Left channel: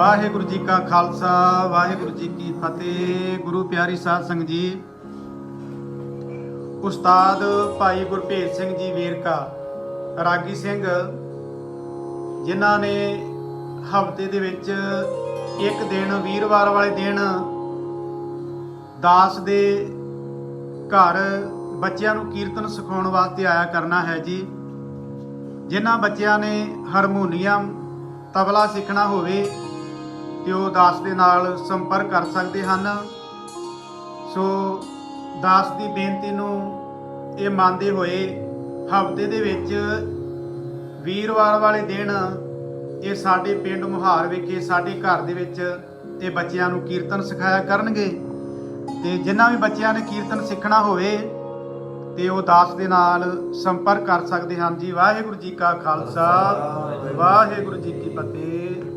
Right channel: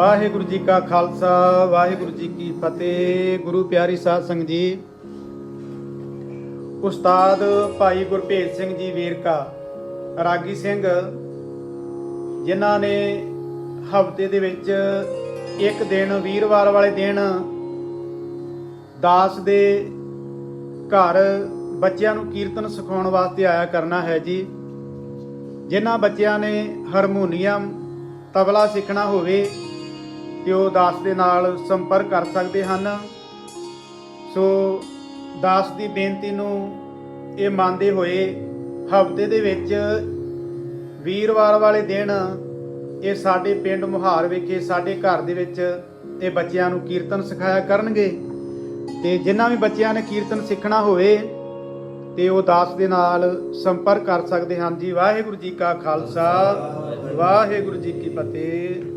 ਵਾਹਿਗੁਰੂ ਜੀ ਕਾ ਖਾਲਸਾ, ਵਾਹਿਗੁਰੂ ਜੀ ਕੀ ਫਤਿਹ। ਗੁਰੂ ਪਿਆਰੀ ਸਾਧ ਸੰਗਤ ਜੀ, ਉਸਤਾਦ ਭਾਈ ਗੁਰਭੇਜ ਸਿੰਘ ਜੀ ਵੇਰਕਾ, ਰਾਗੀ ਸਿੰਘ, ਜਿਨ੍ਹਾਂ ਨੇ ਹਫ਼ਤੇ ਦੇ ਵਿੱਚ ਇੱਕ ਦਿਨ, ਵੀਰਵਾਰ ਵਾਲੇ ਦਿਨ ਦਾਸ ਦੇ ਘਰ ਬੱਚਿਆਂ ਨੂੰ ਕੀਰਤਨ ਸਿਖਾਉਣ ਵਾਸਤੇ ਆਇਆ ਕਰਨਾ ਹੈ ਜੀ। ਜਿਨ੍ਹਾਂ ਬੱਚਿਆਂ ਨੇ ਹਾਰਮੋਨੀਅਮ, ਤਬਲਾ ਸਿੱਖਣਾ ਹੋਵੇ ਤੇ ਉਹ ਦਾਸ ਦੇ ਨਾਲ ਸੰਪਰਕ ਕਰ ਸਕਦੇ ਹਨ। ਸੋ ਦਾਸ ਦੀ ਬੇਨਤੀ ਨੂੰ ਇਹ ਮੰਨਦੇ ਹੋਏ ਹਫ਼ਤੇ ਦੇ ਵਿੱਚ ਵੀਰਵਾਰ ਵਾਲੇ ਦਿਨ ਇਹ ਸਾਡੇ ਪਿੰਡ ਮੁਹਾਰ ਵਿਖੇ ਸਾਡੇ ਘਰ ਦੇ ਵਿੱਚ ਇਹ ਬੱਚਿਆਂ ਨੂੰ ਕੀਰਤਨ ਸਿਖਾਇਆ ਕਰਨਗੇ। ਤੇ ਜਿਨ੍ਹਾਂ ਵੀ ਬੱਚਿਆਂ ਨੇ ਕੀਰਤਨ ਸਿੱਖਣਾ ਹੋਵੇ ਤੇ ਉਹ ਦਾਸ ਦੇ ਨਾਲ ਸੰਪਰਕ ਕਰ ਸਕਦੇ ਹਨ। ਜੀ ਵਾਹਿਗੁਰੂ ਜੀ ਕਾ ਖਾਲਸਾ, ਵਾਹਿਗੁਰੂ ਜੀ ਕੀ ਫਤਿਹ।